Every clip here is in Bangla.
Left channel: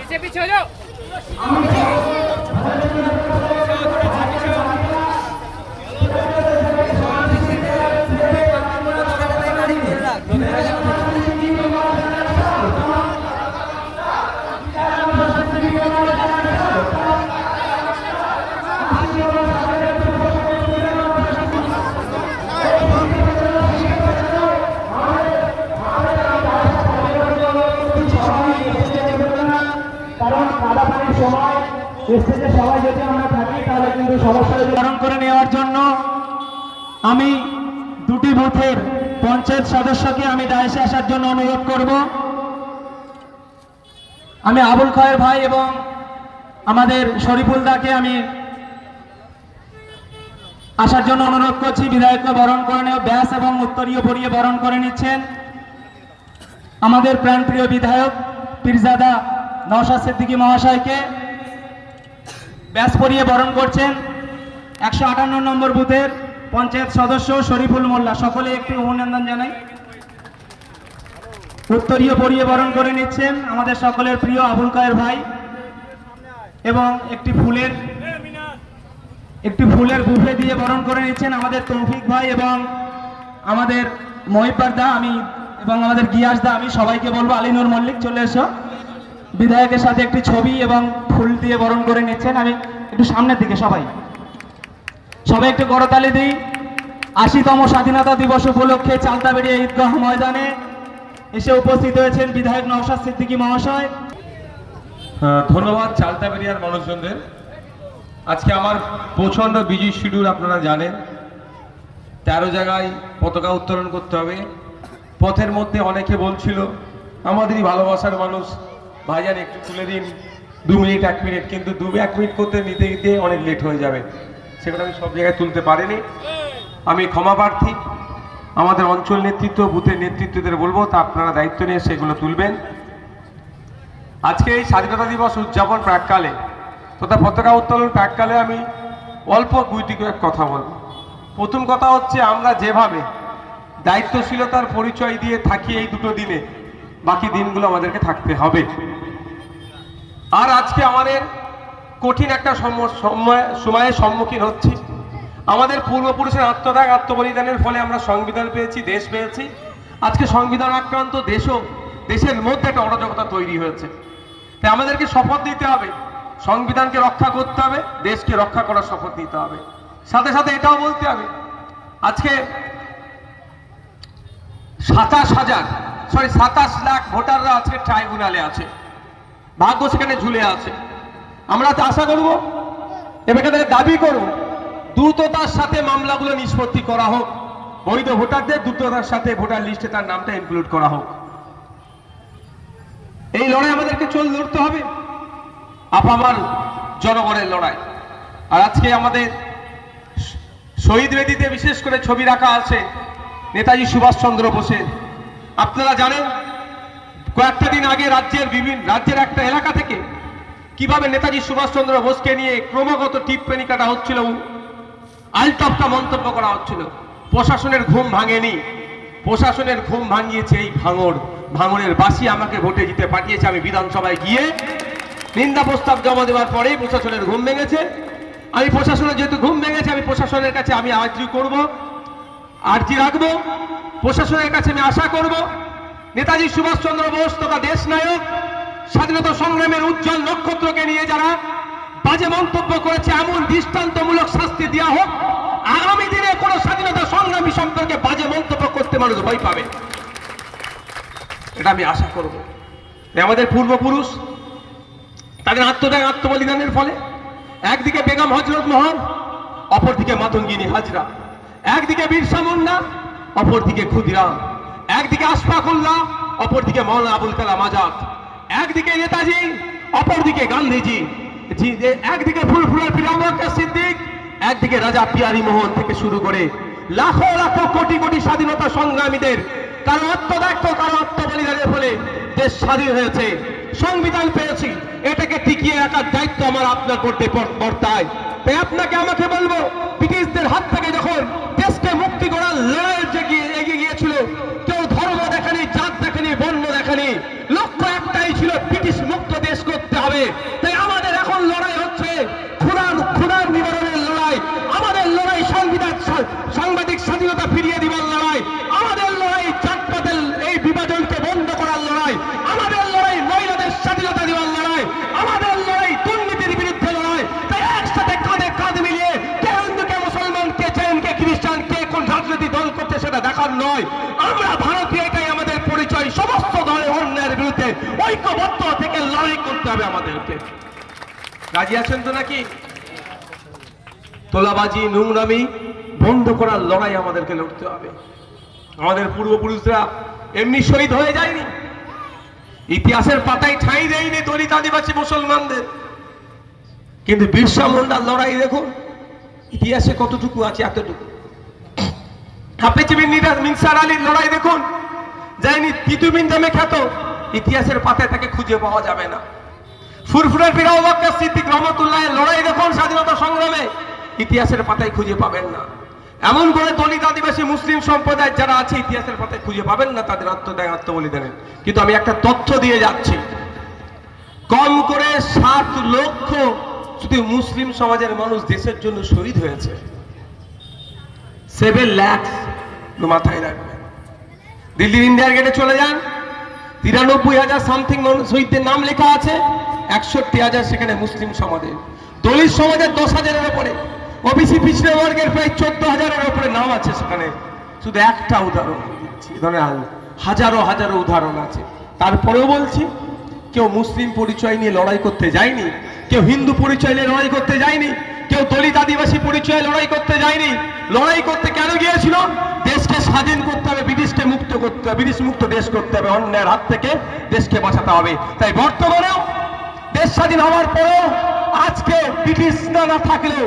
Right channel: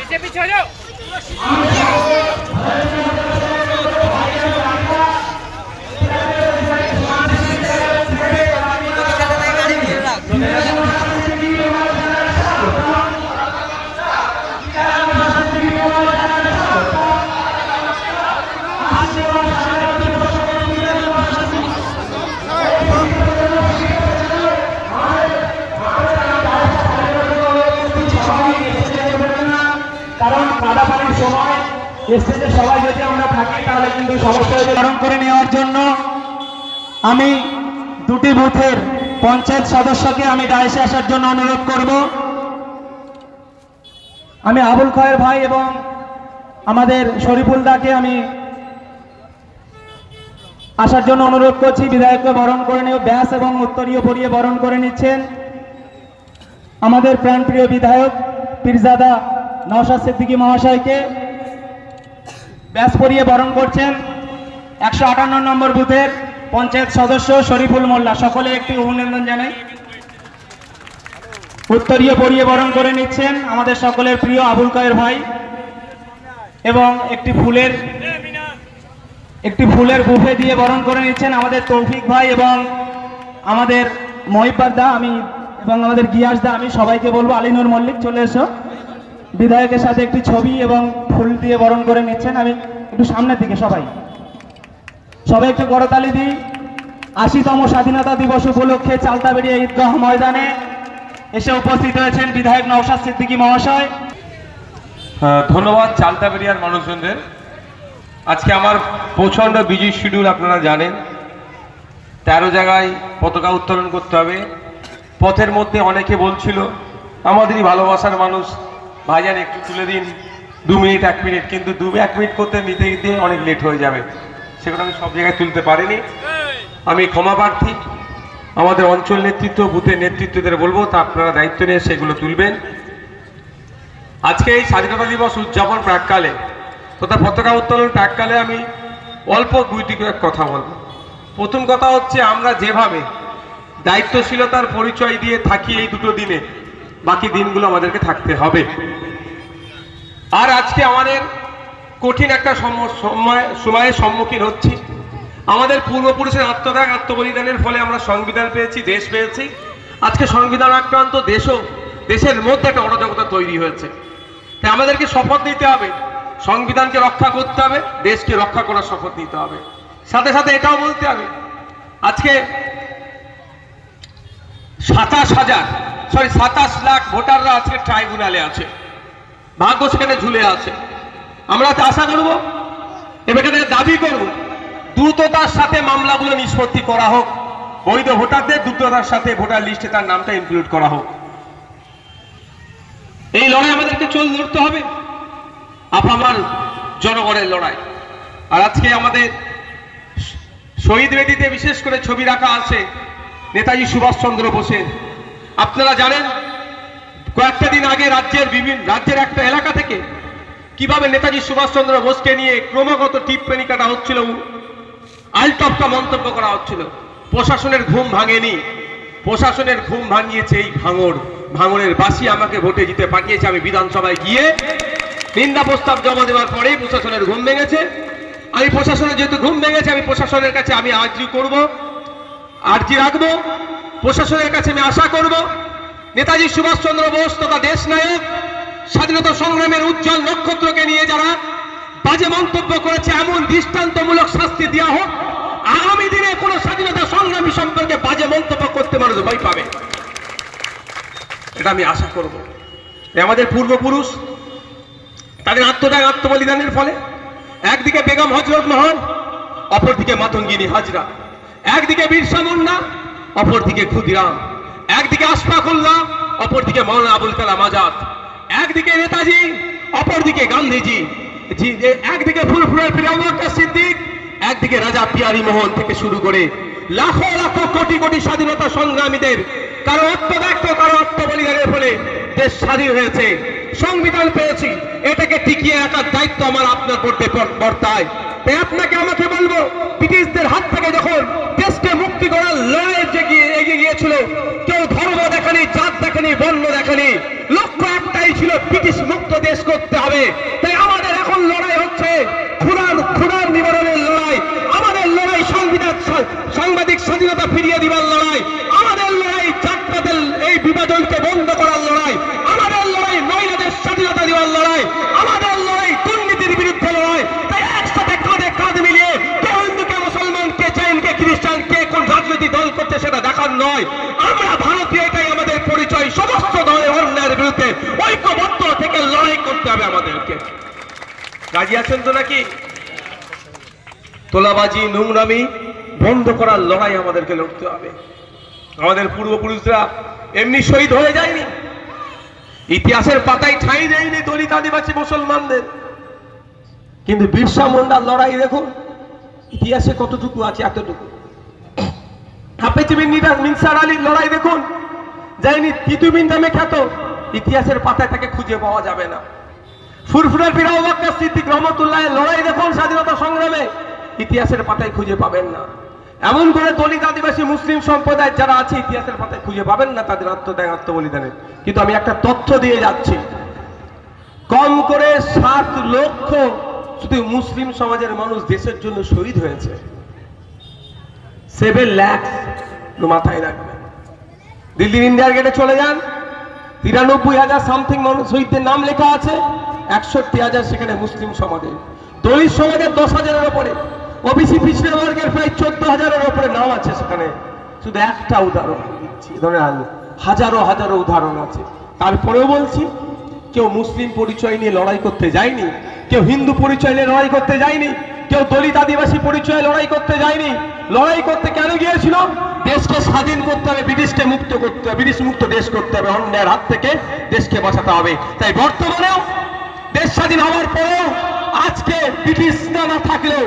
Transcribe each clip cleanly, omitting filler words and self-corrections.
पीछे पीछे हो जाओ। কারণ কাদাপানির সময় স্টেজে সবাই যদি আমরা থাকি তাহলে কিন্তু সমস্যা নিবারণ করে নেওয়ার জন্য আমি দুটি বুথের পঞ্চায়েত সদস্যকে আমি ডায়াসে আসার জন্য অনুরোধ করব। আমি আবুল খয়ের ভাই এবং আমাদের শরীফুল দাকে আমি আসার জন্য অনুরোধ করছি। বিধায়ককে বরণ করে নিয়ে ব্যাস এবং উত্তরীয় পরিয়ে বরণ করে নিচ্ছেন আমাদের প্রাণপ্রিয় বিধায়ক পীরজাদা নওশাদ সিদ্দিকী মহাশয়কে ব্যাস পরিয়ে বরণ করছেন 158 নম্বর বুথের পঞ্চায়েত সদস্য শরীফুল মোল্লা। সকলে একটি অভিনন্দন জানাই। উত্তরীয় পরিয়ে বরণ করে নিচ্ছেন আমাদের সকলের প্রিয় আবুল কয়ের ভাই এবং একটি ফুলের বুফে দিয়ে বরণ করে নিচ্ছেন আমাদের তৌফিক ভাই এবং আমাদের মহিব্বার দা আমি এবং আমাদের গিয়াস দা। আমি সবাইকে বলবো আলিনুর মল্লিক চলে এসো। বিধায়কের সাথে একটি ছবি এবং ফুল দিয়ে বরণ করে নিচ্ছেন। আমি একটু সামনের দিকে সবাই একটু করতালি দিই। 80তম স্বাধীনতা দিবস উপলক্ষে চালতাবেড়িয়া ঈদগাহ ময়দানে এসে উপস্থিত হয়েছেন বিধায়ক নওশাদ সিদ্দিকী মহাশয়। ধন্যবাদ চালতাবেড়িয়ার মানুষজনদের। আজকে আমার প্রচণ্ড বিজি শিডিউল, আপনারা জানেন। 13 জায়গায় পতাকা উত্তোলন করতে হবে। পথের মধ্যে অনেকে বলছিল আমাদেরই ভালোবাসার মানুষ, ভাইজান একটু তুলে দিন 2 মিনিট 1 মিনিট, কিন্তু 2-1 মিনিট করতে নিতে নিতে অনেক লেট হয়ে যাবে। সেগুলো আমি সব জায়গায় তুলতে পারিনি, আমি ক্ষমা প্রার্থী। আমাদের অঞ্চল নেতৃত্ব, বুথের নেতৃত্বদের বলবো তা আপনারা দায়িত্ব নিয়ে সেগুলো তুলবেন। আজকে এই স্বাধীনতা দিবস উদযাপন প্রাককালে তথা পতাকা উত্তোলন প্রাককালে আমি অল্প 2টি কথা বলবো। প্রথম কথা হচ্ছে, আমরা যেভাবে দায়িত্বশীলতার পরিচয় দিয়ে থাকি এই দুটো দিনে, বাকি দিনগুলো আমাদেরকে থাকতে হবে। আর আজকে আমাদের কঠিন একটা সময়ের সম্মুখীন হচ্ছি। আমাদের পূর্বপুরুষের আত্মত্যাগ আত্মবলিদানের ফলে আমরা সংবিধান পেয়েছি, দেশ পেয়েছি। আজকে সংবিধান আক্রান্ত দেশের মধ্যে একটা অরাজকতা তৈরি হয়েছে। তাই আমাদেরকে শপথ নিতে হবে, সংবিধানকে রক্ষা করতে হবে, দেশকে রক্ষা করার শপথ নিতে হবে। সাথে সাথে এটাও বলতে হবে, আজকে 27 লাখ ভোটাররা আজকে ট্রাইব্যুনালে আছে, ভাগ্য সেখানে ঝুলে আছে। আমরা তো আশা করব এবং এখানে দাবি করব দ্রুততার সাথে মামলাগুলো নিষ্পত্তি করা হোক, বৈধ ভোটারদের দ্রুততার সাথে ভোটার লিস্টে তার নামটা ইনক্লুড করা হোক। এই লড়াই আমাদেরকে লড়তে হবে, আপামার জনগণের লড়াই। আর আজকে আমাদের শহীদ বেদিতে বিশেষ করে ছবি রাখা আছে নেতাজি সুভাষচন্দ্র বোসের। আপনারা জানেন কয়েকটা দিন আগে রাজ্যের একটা এলাকা থেকে কিভাবে নেতাজি সুভাষচন্দ্র বোসকে নিয়ে ক্রমাগত টিপ্পনী কাটা হচ্ছিল, আলটপটা মন্তব্য করা হচ্ছিল। প্রশাসনের ঘুম ভাঙেনি, প্রশাসনের ঘুম ভাঙিয়েছে এই ভাঙড়ের বাসী আমাকে ভোটে জিতে পাঠিয়েছে। আমি বিধানসভায় গিয়ে নিন্দা প্রস্তাব জমা দেওয়ার পরে প্রশাসনের ঘুম ভেঙেছে। আমি প্রশাসনের যেহেতু ঘুম ভেঙেছে, আমি প্রশাসনের কাছে আমি আর্জি রাখবো। প্রশাসনের কাছে আমি আশা করব নেতাজি সুভাষচন্দ্র বোস তথা দেশ নায়ক, স্বাধীনতা সংগ্রামের উজ্জ্বল নক্ষত্রকে নিয়ে যারা বাজে মন্তব্য করেছে এমন দৃষ্টান্তমূলক শাস্তি দেওয়া হোক। আগামী দিনে কোন স্বাধীনতা সংগ্রামী সম্পর্কে বাজে মন্তব্য করতে মানুষ ভয় পাবে, এটা আমি আশা করব। আমাদের পূর্বপুরুষ তাদের আত্মত্যাগ আত্মবলিদানের ফলে একদিকে বেগম হজরত মহল, অপরদিকে মাতঙ্গিনী হাজরা, একদিকে বিরসা মুন্ডা, অপরদিকে ক্ষুদিরাম, একদিকে আশফাকুল্লাহ, অপরদিকে মাওলানা আবুল কালাম আজাদ, একদিকে নেতাজি, অপরদিকে গান্ধীজি, একদিকে ফুরফুরার পীর আবু বকর সিদ্দিক, একদিকে রাজা পিয়ারী মোহন থেকে শুরু করে লাখো লাখো কোটি কোটি স্বাধীনতা সংগ্রামীদের কারো আত্মত্যাগ, কারো আত্মবলিদানের ফলে দেশ স্বাধীন হয়েছে, সংবিধান পেয়েছি। এটাকে টিকিয়ে রাখার দায়িত্ব আমার আপনার করতে বর্তায়। তাই আপনাকে আমাকে বলবো, ব্রিটিশদের হাত থেকে যখন সাংবাদিক স্বাধীনতা ফিরিয়ে দিবার লড়াই, আমাদের লড়াই জাতপাতের এই বিভাজনকে বন্ধ করার লড়াই, আমাদের লড়াই মহিলাদের স্বাধীনতা দেওয়ার লড়াই, আমাদের লড়াই দুর্নীতির বিরুদ্ধে লড়াই। তাই একসাথে কাঁধে কাঁধ মিলিয়ে কে হিন্দু কে মুসলমান কে জৈন কে খ্রিস্টান কে কোন রাজনৈতিক দল করছে সেটা দেখার নয়। আমরা ভারতীয়, এটাই আমাদের পরিচয়। সমস্ত ধরনের অন্যায়ের বিরুদ্ধে ঐক্যবদ্ধ থেকে লড়াই করতে হবে আমাদেরকে। রাজি আছেন তো নাকি? তোলাবাজি নোংরামি বন্ধ করার লড়াই আমাদেরকে লড়তে হবে। আমাদের পূর্বপুরুষরা এমনি শহীদ হয়ে যায়নি, ইতিহাসের পাতায় ঠাঁই দেয়নি দলিত আদিবাসী মুসলমানদের। কিন্তু বিরসা মুন্ডার লড়াই দেখুন ইতিহাসে কতটুকু আছে, এতটুকু। মিনসার আলীর লড়াই দেখুন, যায়নি তিতুমিন নামে খ্যাত, ইতিহাসের পাতায় তাকে খুঁজে পাওয়া যাবে না। ফুরফুরার পীর আবু বকর সিদ্দিক রহমাতুল্লাহের লড়াই দেখুন স্বাধীনতা সংগ্রামে, ইতিহাসের পাতায় খুঁজে পাবেন না। এমন করে দলিত আদিবাসী মুসলিম সম্প্রদায় যারা আছে ইতিহাসের পাতায় খুঁজে পাবেন না তাদের আত্মত্যাগ আত্মবলিদানের। কিন্তু আমি একটা তথ্য দিয়ে যাচ্ছি, কম করে 7 লক্ষ শুধু মুসলিম সমাজের মানুষ দেশের জন্য শহীদ হয়েছে। 7 লাখ মাথায় রাখবেন। দিল্লির ইন্ডিয়ার গেটে চলে যান, 93,000 সামথিং মানুষ শহীদদের নাম লেখা আছে, 61,000 সেখানে মুসলিম সমাজের। দলিত সমাজের 10,000-এর উপরে, ওবিসি পিছড়ে বর্গের প্রায় 14,000-এর উপরে নাম আছে সেখানে। শুধু একটা উদাহরণ দিচ্ছি, ধরেন হাজারো হাজারো উদাহরণ আছে। তারপরেও বলছি, কেউ মুসলিম পরিচয় নিয়ে লড়াই করতে যায়নি, কেউ হিন্দু পরিচয় নিয়ে লড়াই করতে যায়নি, কেউ দলিত আদিবাসী পরিচয়ে লড়াই করতে যায়নি। লড়াই করতে কেন গিয়েছিল? দেশকে স্বাধীন করতে হবে, ব্রিটিশকে মুক্ত করতে হবে, ব্রিটিশ মুক্ত দেশ করতে হবে, অন্যের হাত থেকে দেশকে বাঁচাতে হবে। তাই বর্তমানেও দেশ স্বাধীন হওয়ার পরেও আজকে ব্রিটিশ না থাকলেও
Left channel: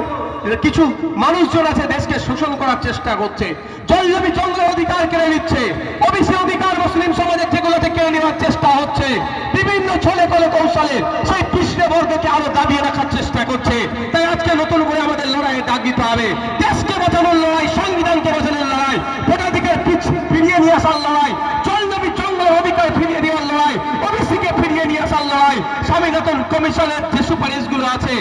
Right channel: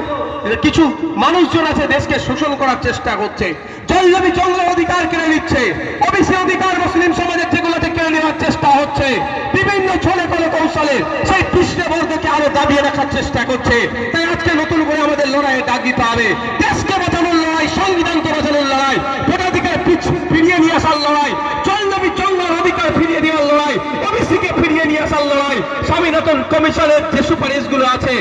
কিছু মানুষজন আছে দেশকে শোষণ করার চেষ্টা করছে, জলজমি জঙ্গলের অধিকার কেড়ে নিচ্ছে, ওবিসি অধিকার মুসলিম সমাজের যেগুলোতে কেড়ে নেওয়ার চেষ্টা হচ্ছে, বিভিন্ন ছলে কলে কৌশলে সেই পিছড়ে বর্গকে আরো দাবিয়ে রাখার চেষ্টা করছে। তাই আজকে নতুন করে আমাদের লড়াইয়ে ডাক দিতে হবে। দেশকে বাঁচানোর লড়াই, সংবিধানকে বাঁচানোর লড়াই, ভোটাধিকার ফিরিয়ে নিয়ে আসার লড়াই, জলজমি জঙ্গলের অধিকার ফিরিয়ে দেওয়ার লড়াই, ওবিসিকে ফিরিয়ে নিয়ে আসার লড়াই, স্বামীনাথন কমিশনের যে সুপারিশগুলো আছে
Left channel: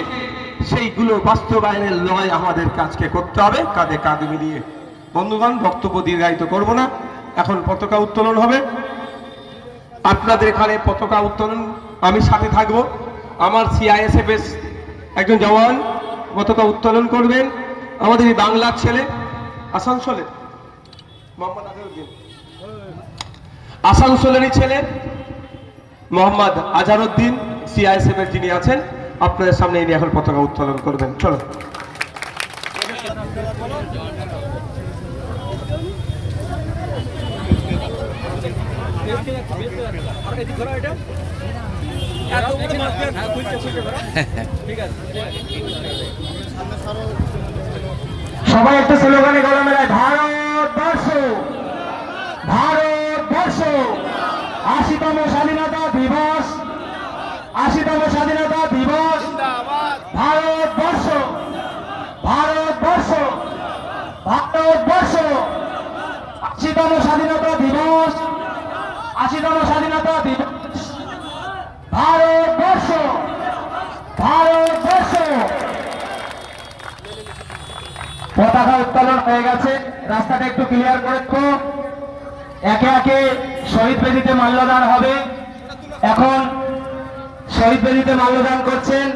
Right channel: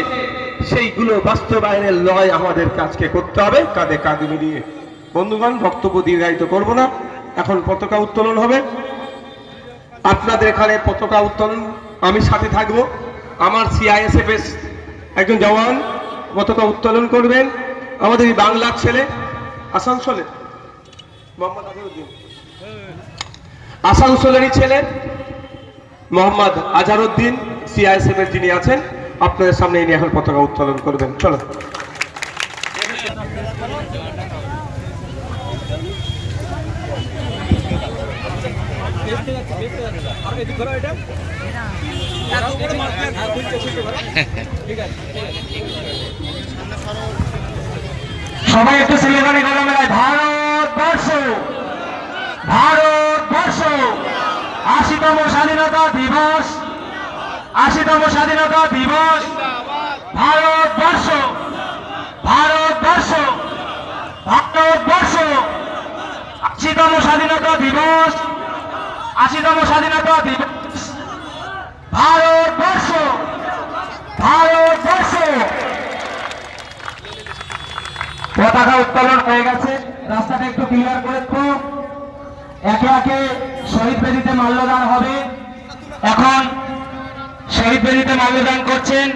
সেইগুলো বাস্তবায়নের লড়াই আমাদের কাজকে করতে হবে কাঁধে কাঁধ মিলিয়ে। বন্ধুগণ, বক্তব্য দীর্ঘায়িত করব না, এখন পতাকা উত্তোলন হবে। আপনাদের এখানে পতাকা উত্তোলন আমি সাথে থাকব। আমার সিআইএসএফ এর একজন জওয়ান পতাকা উত্তোলন করবেন। আমাদের এই বাংলার ছেলে, আসানসোলে মোহাম্মদ আজহারউদ্দিন, আসানসোলেরই ছেলে মোহাম্মদ আজহারউদ্দিন সিআইএসএফ এর যিনি আছেন, আপনাদের সামনে ইনি এখন পতাকা উত্তোলন করবেন। চলো। সবাই একটু স্লোগানে গলা মেলায়, ভারতবর্ষ ভারতবর্ষ, 80তম স্বাধীনতা দিবস, 80তম স্বাধীনতা দিবস, ভারতবর্ষ ভারতবর্ষ ভারতবর্ষ, 80তম স্বাধীনতা দিবস, 80তম স্বাধীনতা দিবস, ভারতবর্ষ ভারতবর্ষ। পতাকা উত্তোলন হয়ে গেছে, রাস্তাটা একটু ক্লিয়ার করে তো। একে একে শহীদ বেদিতে মাল্যদান হবে। এখন শহীদ বেদিতে মাল্যদান করছেন